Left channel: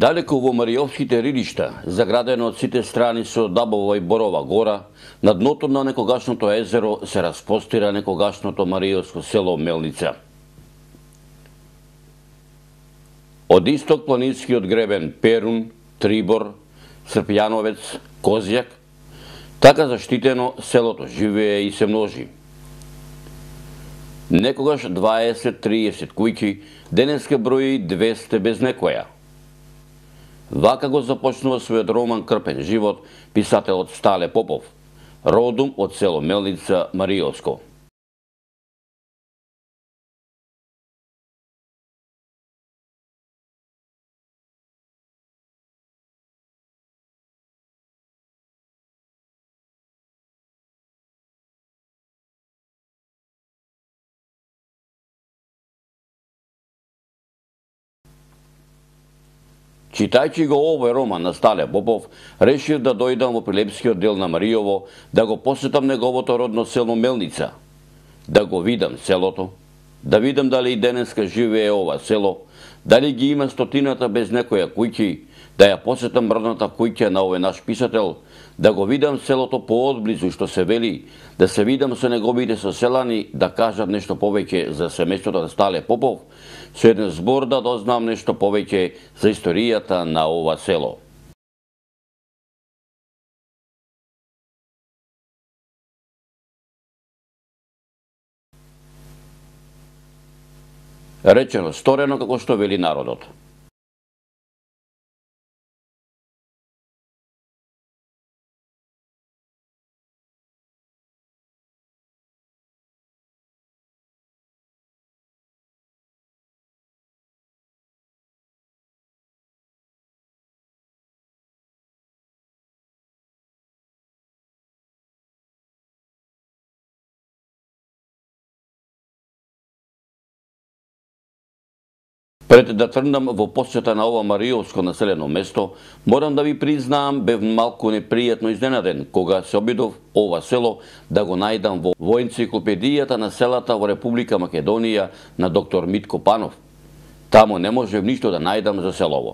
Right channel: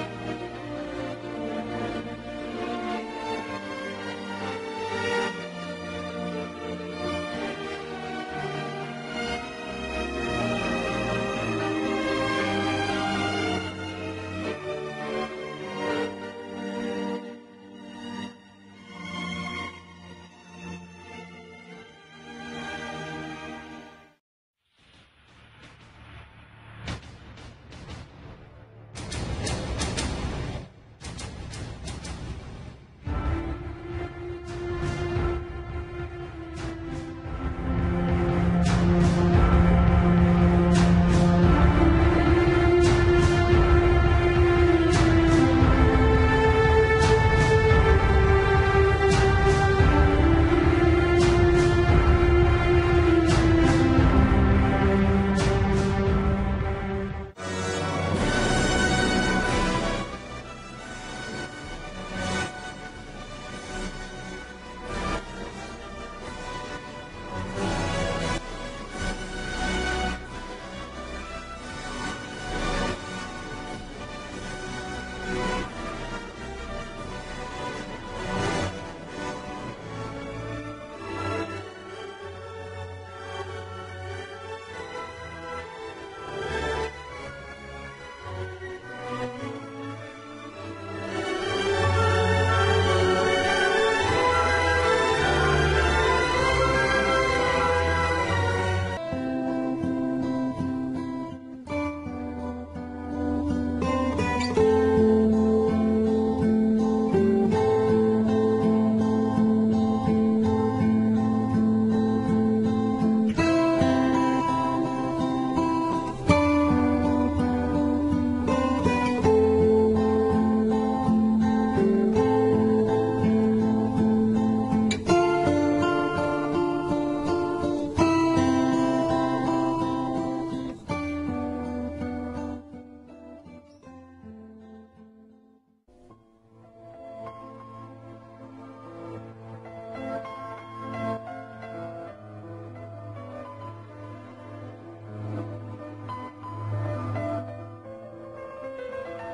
Далеко во Мариовските рилишта, заградено од сите страни со дабова и борова гора, на дното на некогашното езеро се разпостира некогашното Мариовско село Мелница. Од исток планинскиот гребен Перун, Трибор, Црпјановец, Козјак, така заштитено селото живее и се множи. Некогаш 20-30 куќи, денеска брои 200 без некоја. Вака го започнува својот роман Крпен живот писателот Стале Попов, родом од село Мелница, Мариовско. Читајќи го овој роман на Стале Попов, решив да дојдам во Прилепскиот дел на Мариово, да го посетам неговото родно село Мелница, да го видам селото, да видам дали и денеска живее ова село, дали ги има стотината без некоја куќи, да ја посетам родната куќа на овој наш писател, да го видам селото поодблизу што се вели, да се видам со неговите соселани, да кажат нешто повеќе за семејството на Стале Попов, со еден збор да дознам нешто повеќе за историјата на ова село. Речено сторено како што вели народот. Пред да тргнам во посета на ова Мариовско населено место, морам да ви признаам, бев малку непријатно изненаден кога се обидов ова село да го најдам во енциклопедијата на селата во Република Македонија на доктор Митко Панов. Таму не можев ништо да најдам за селово.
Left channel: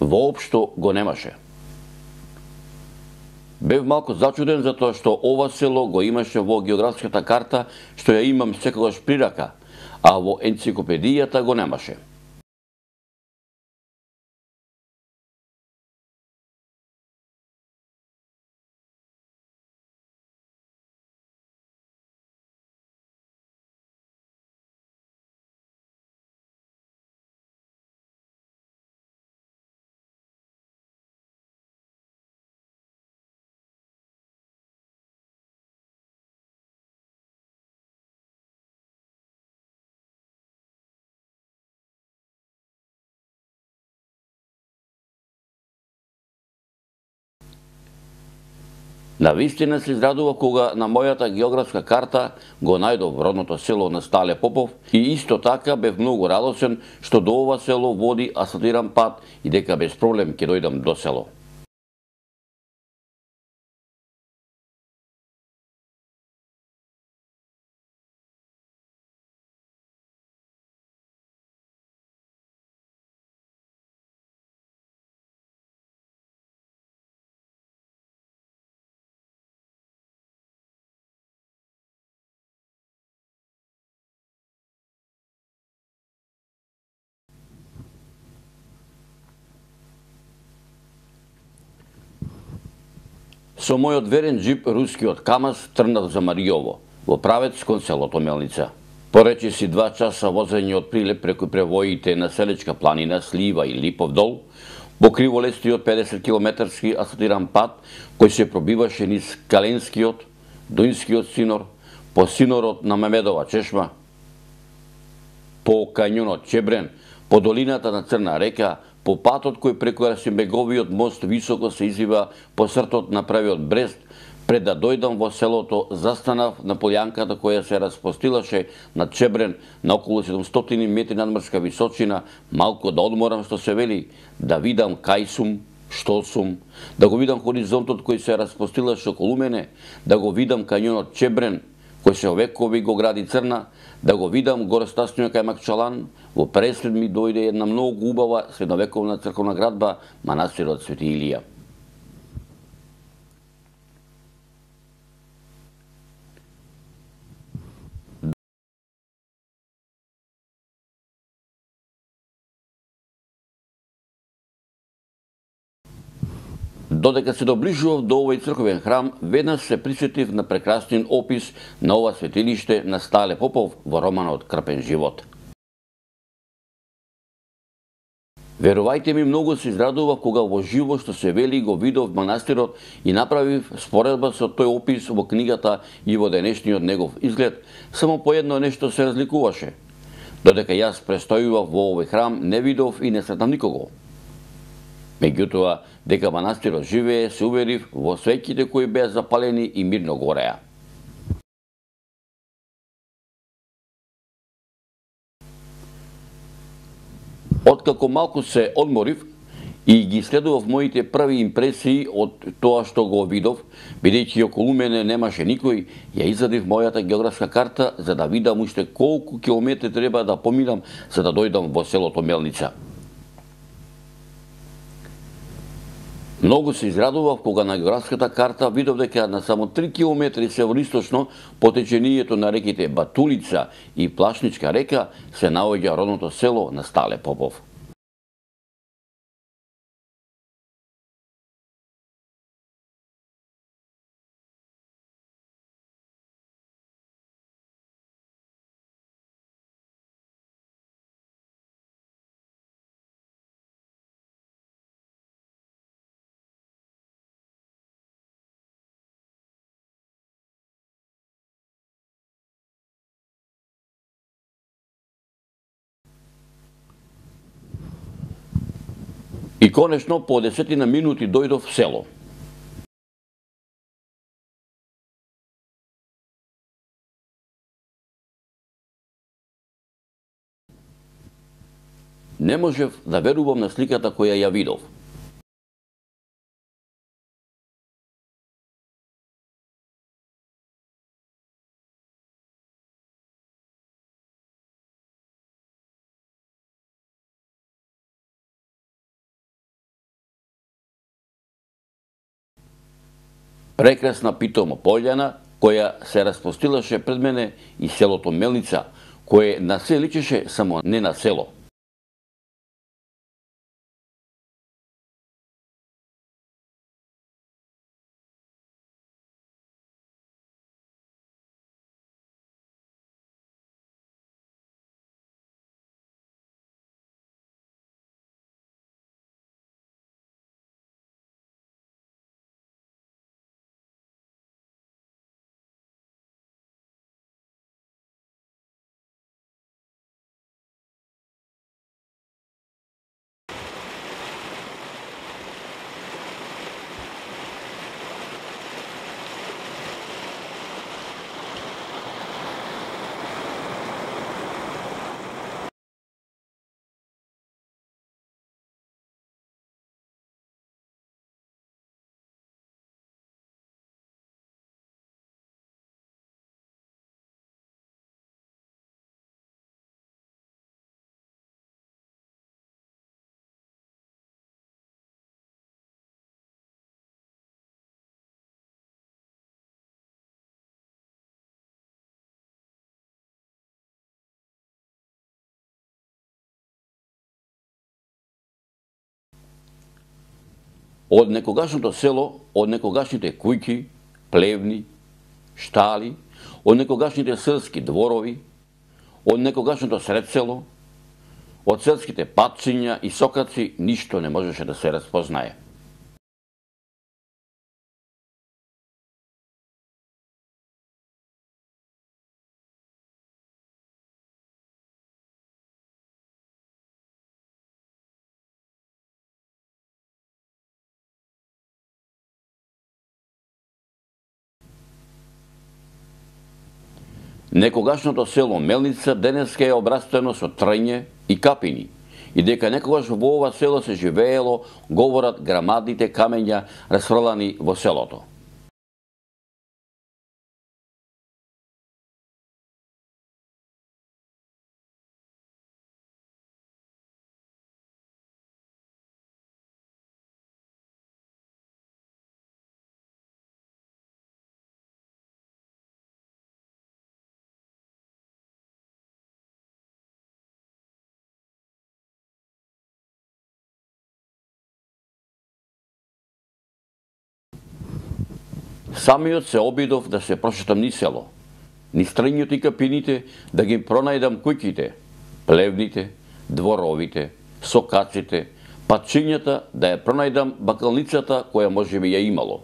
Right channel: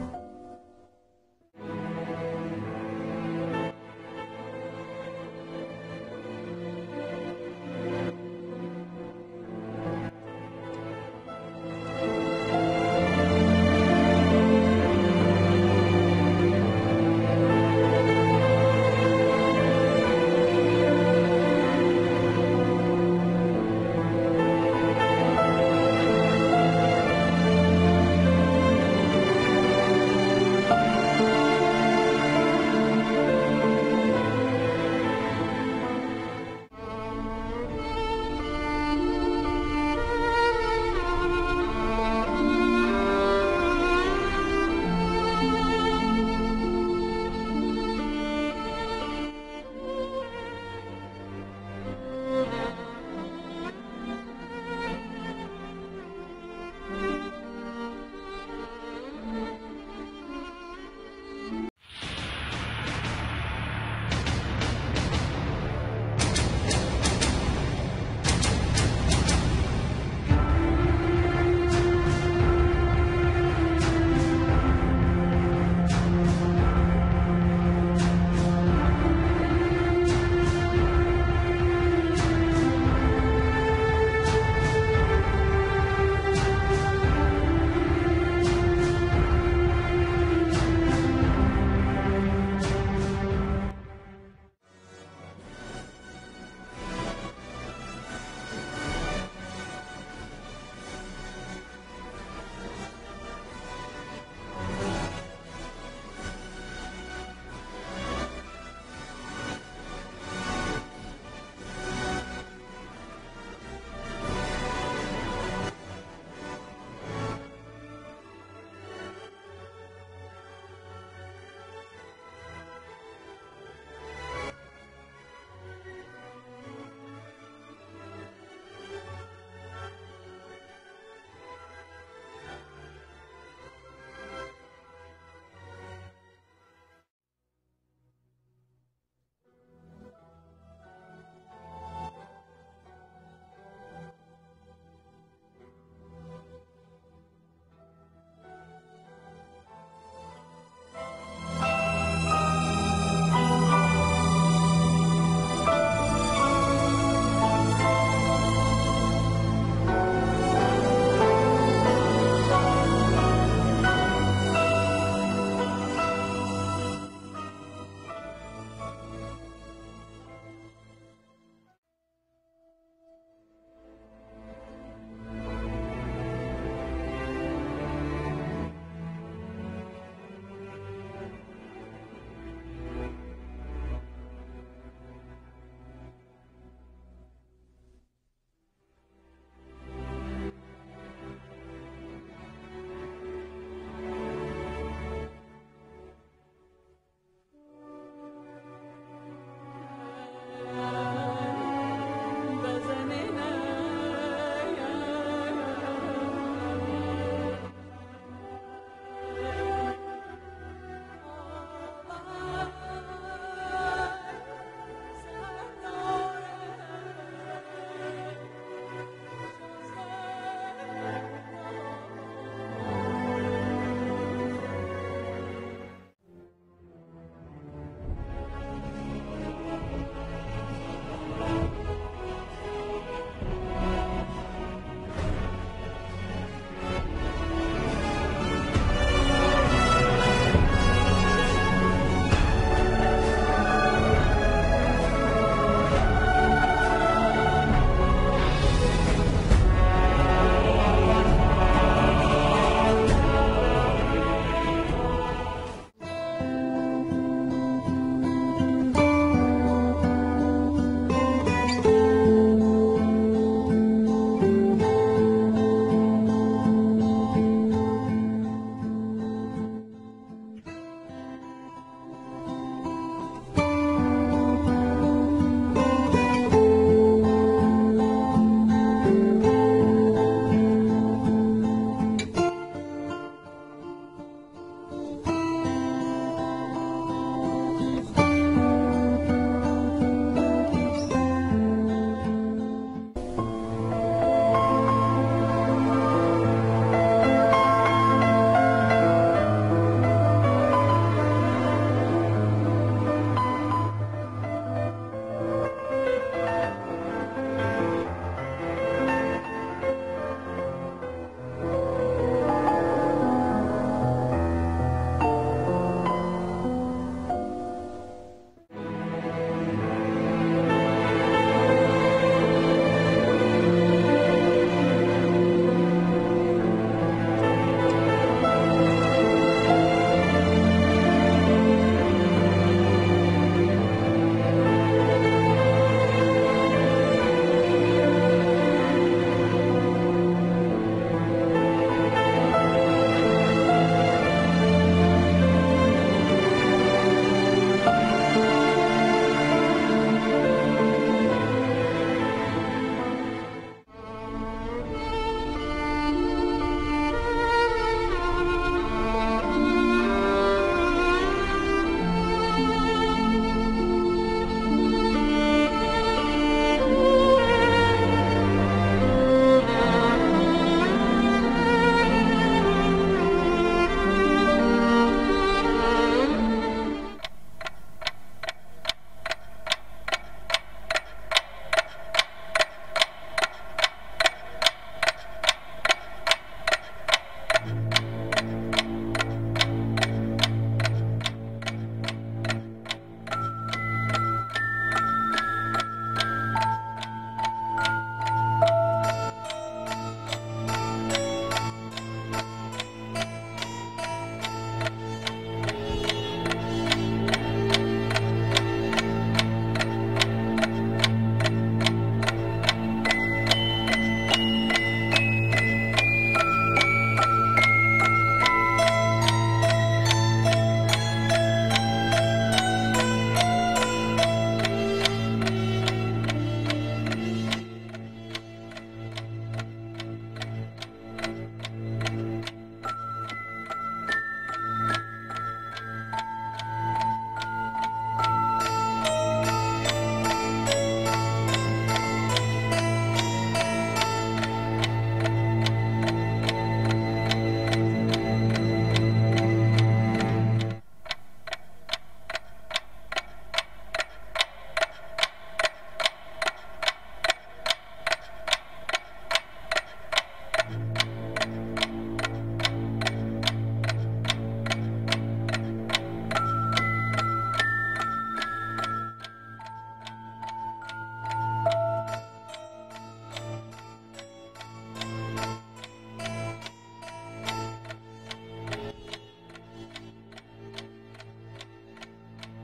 Воопшто го немаше. Бев малку зачуден затоа што ова село го имаше во географската карта што ја имам секогаш при рака, а во енциклопедијата го немаше. Навистина се израдува кога на мојата географска карта го најдов родното село на Стале Попов и исто така бев многу радосен што до ова село води асфалтиран пат и дека без проблем ќе дојдам до село. Со мојот верен джип рускиот КАМАЗ тргнав за Мариово, во правец кон селото Мелница. Поречи си 2 часа возење од Прилеп преку превоите на Селечка планина, Слива и Липов дол, во криволестиот 50 километарски асфалтиран пат кој се пробиваше низ Каленскиот, Дуинскиот синор, по синорот на Мемедова чешма, по кањонот Чебрен, по долината на Црна река, по патот кој преку Расимбеговиот мост високо се извива по сртот на правиот Брест, пред да дојдам во селото, застанав на полјанката која се распостилаше над Чебрен на околу 700 метри надморска височина, малку да одморам што се вели, да видам кај сум, што сум, да го видам хоризонтот кој се распостилаше околу мене, да го видам кањонот Чебрен, кој се векови го гради Црна, да го видам горостасниот кај Макчалан, во преслед ми дојде една многу убава средновековна црковна градба, манастирот Свети Илија. Додека се доближував до овој црковен храм, веднаш се присетив на прекрасен опис на ова светилиште на Стале Попов во романот Крпен живот. Верувајте ми, многу се израдував кога во живо што се вели го видов манастирот и направив споредба со тој опис во книгата и во денешниот негов изглед, само по едно нешто се разликуваше. Додека јас престојував во овој храм, не видов и не сретнав никого. Меѓутоа, дека манастирот живее, се уверив во свеќите кои беа запалени и мирно гореа. Откако малку се одморив и ги следував моите први импресии од тоа што го видов, бидејќи околу мене немаше никој, ја извадив мојата географска карта за да видам уште колку километри треба да поминам за да дојдам во селото Мелница. Многу се израдував кога на географската карта видов дека на само 3 километри североисточно по течението на реките Батулица и Плашничка река се наоѓа родното село на Стале Попов. И конечно, по 10 минути дојдов в село. Не можев да верувам на сликата која ја видов. Прекрасна питома пољана, која се распостилаше пред мене, и селото Мелница, кое на се личеше, само не на село. Од некогашното село, од некогашните куќи, плевни, штали, од некогашните селски дворови, од некогашното средсело, од селските патчиња и сокаци, ништо не можеше да се распознае. Некогашното село Мелница денеска е обрастено со трње и капини и дека некогаш во ова село се живеело, говорат грамадните камења расфрлани во селото. Самиот се обидов да се прошетам низ село, низ стрењето и капините, да ги пронајдам куќите, плевните, дворовите, сокаците, патчињата, да ја пронајдам бакалницата која можеби ја имало.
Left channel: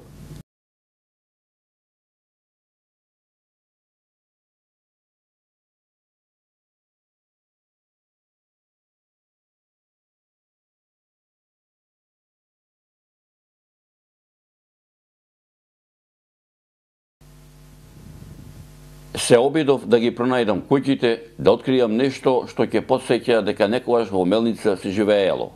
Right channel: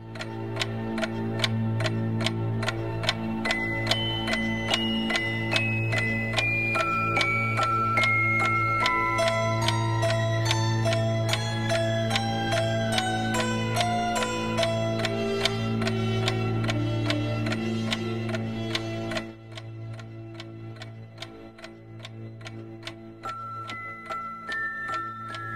Се обидов да ги пронајдам куќите, да откријам нешто што ќе потсеќа дека некогаш во Мелница се живеело.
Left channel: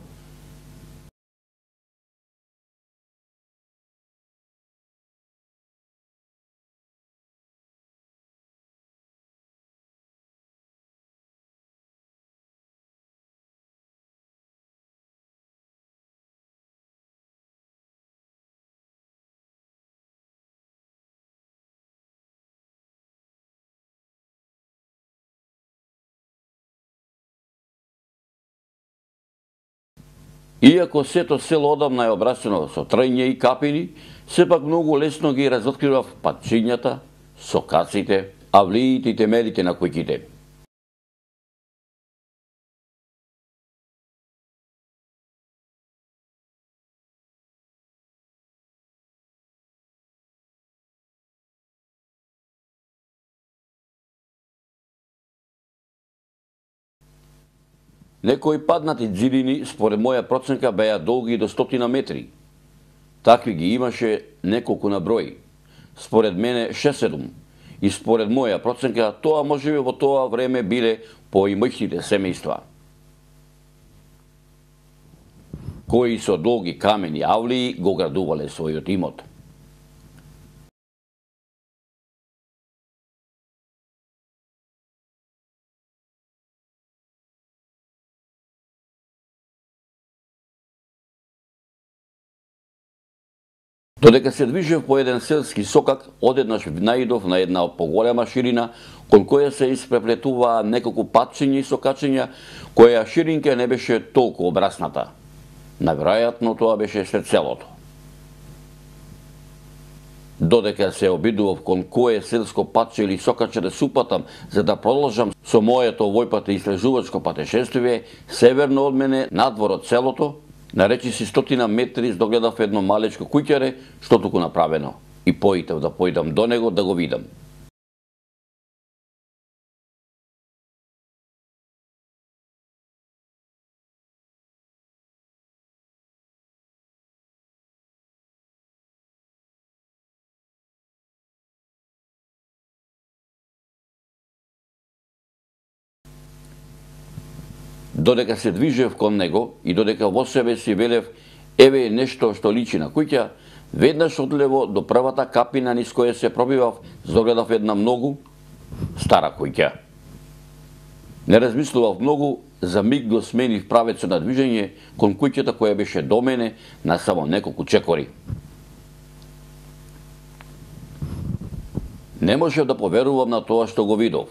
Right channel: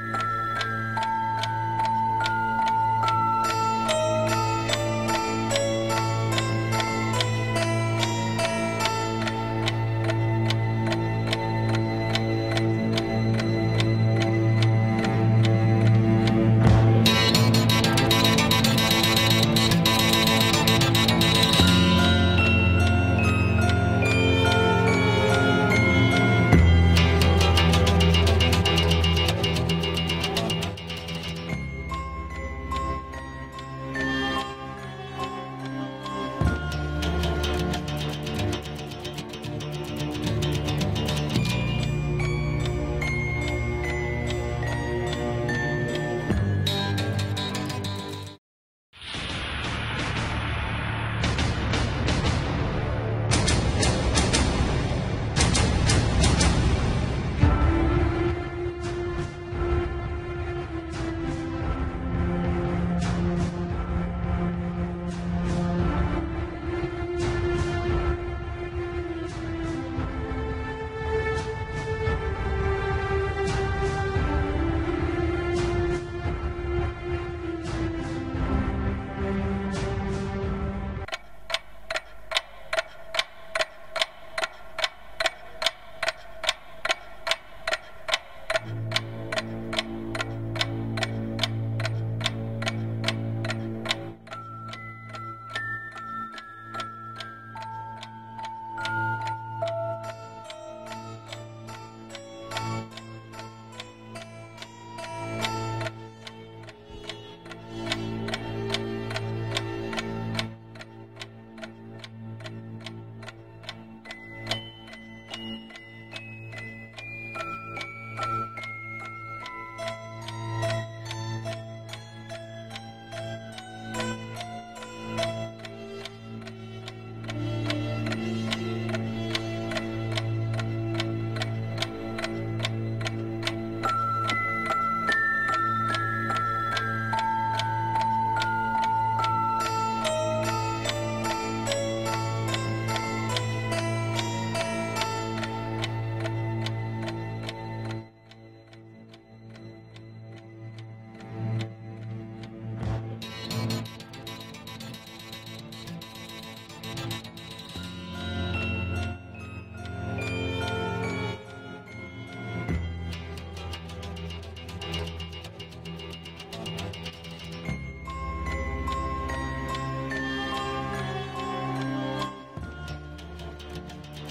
Иако сето село одамна е обрасено со трење и капини, сепак многу лесно ги разоткривав патчињата, сокаците, авлиите и темелите на куќите. Некои паднати џидини, според моја проценка, беа долги до 100 метри. Такви ги имаше неколку на број. Според мене 6-7. И според моја проценка, тоа можеби во тоа време биле поимоќните семејства, кои со долги камени авлии го градувале својот имот. Додека се движев по еден селски сокак, одеднаш наидов на една поголема ширина, кон која се испреплетуваа неколку патчиња и сокачиња, која ширинка не беше толку обрасната. Наверојатно тоа беше сред селото. Додека се обидував кон кое селско патче или сокаче да се упатам, за да продолжам со моето овојпат истражувачко патешествие, северно од мене, надвор од селото, на речиси 100 метри догледав едно малечко куќаре, што туку направено, и поитев да појдам до него да го видам. Додека се движев кон него и додека во себе си велев еве нешто што личи на куќа, веднаш одлево до првата капина низ која се пробивав, догледав една многу стара куќа. Не размислував многу, за миг го сменив правецот на движење кон куќата која беше до мене на само неколку чекори. Не можев да поверувам на тоа што го видов.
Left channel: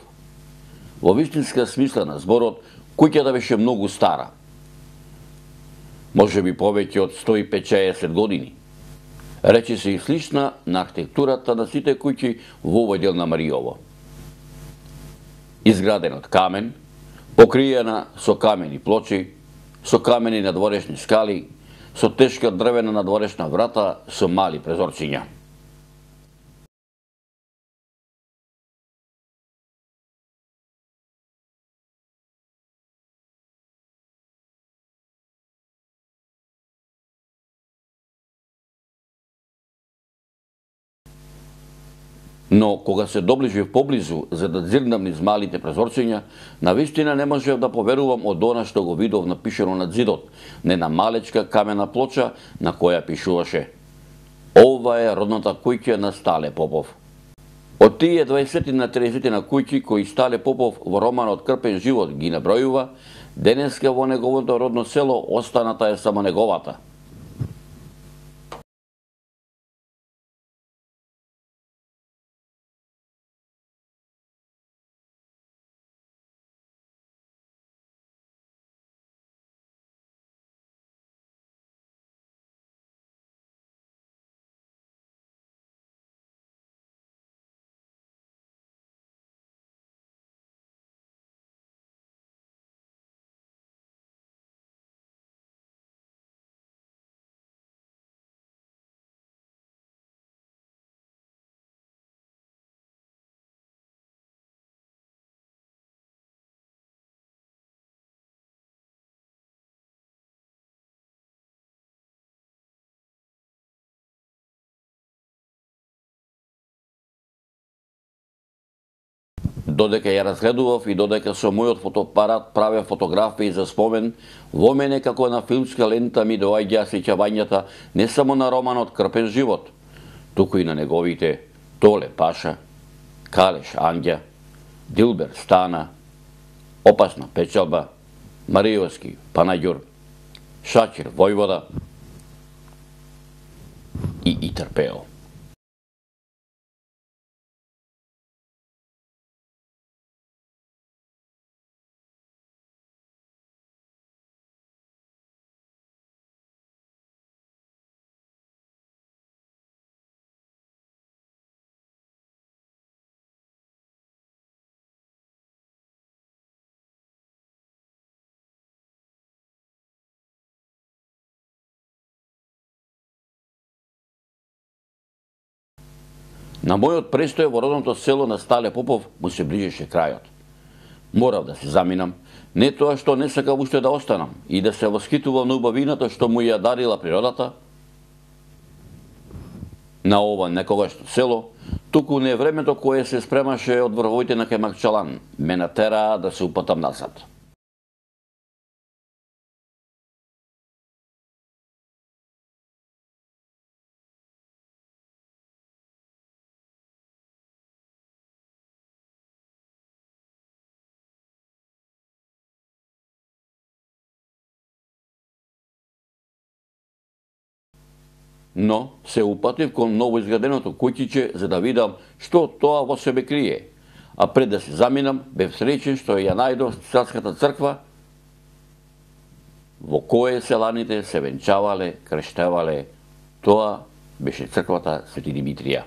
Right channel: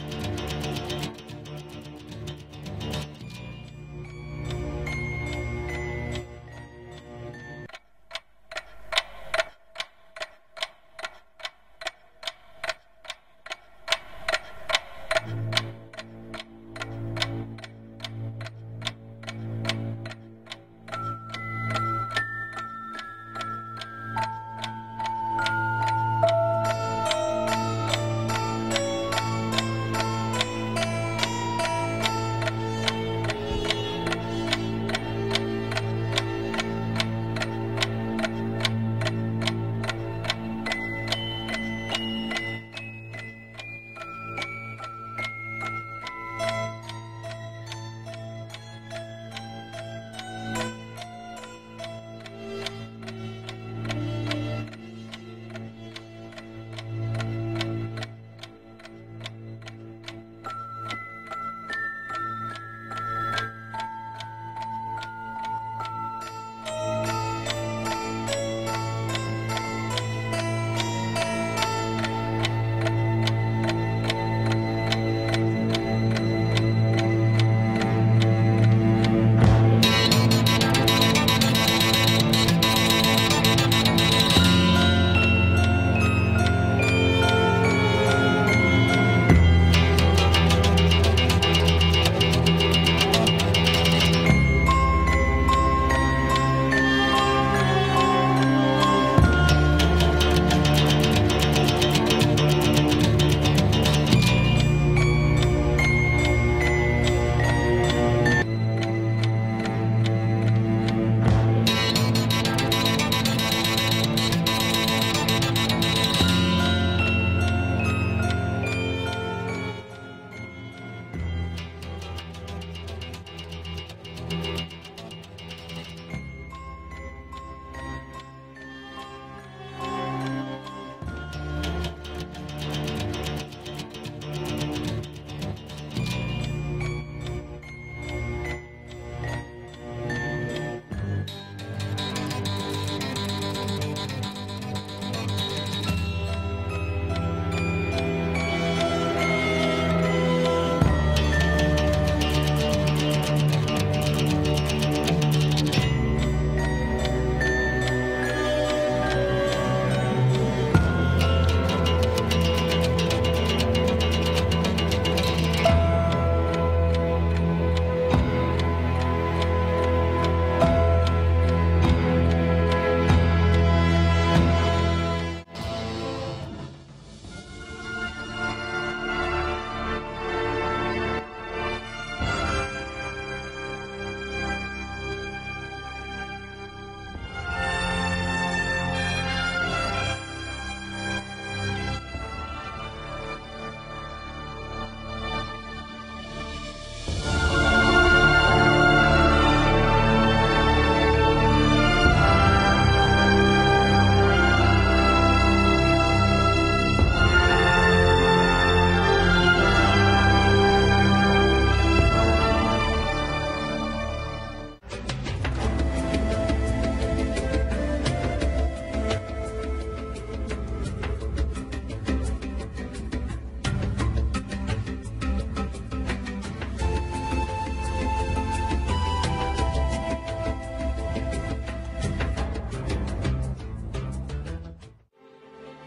Во вистинска смисла на зборот, куќата беше многу стара. Може би повеќе од 150 години. Рече се и слична на архитектурата на сите куќи во овој дел на Маријово. Изградена од камен, покриена со камени плочи, со камени надворешни скали, со тешка дрвена надворешна врата со мали презорчиња. Но кога се доближив поблизу за да зирнам низ малите прозорчиња, навистина не можев да поверувам од она што го видов напишено над зидот, не на малечка камена плоча на која пишуваше: "Ова е родната куќа на Стале Попов." Од тие 20 на 30 на куќи кои Стале Попов во романот Крпен живот ги набројува, денеска во неговото родно село останата е само неговата. Додека ја разгледував и додека со мојот фотоапарат правев фотографии за спомен, во мене како на филмска лента ми доаѓаа сеќавањата не само на романот Крпен живот, туку и на неговите Толе Паша, Калеш Анѓа, Дилбер Стана, Опасна печалба, Мариовски Панаѓур, Шакир Војвода и Итарпео. На мојот престој во родното село на Стале Попов му се ближеше крајот. Морав да се заминам, не тоа што не сакам уште да останам и да се воскитувам на убавината што му ја дарила природата на ова некогаш село, туку не времето кое се спремаше од врвовите на Кемакчалан ме натераа да се упатам назад. Но се упатив кон новоизграденото куќиче за да видам што тоа во себе крие. А пред да се заминам, бев среќен што ја најдов Царската црква, во кое селаните се венчавале, крштевале. Тоа беше црквата Свети Димитрија.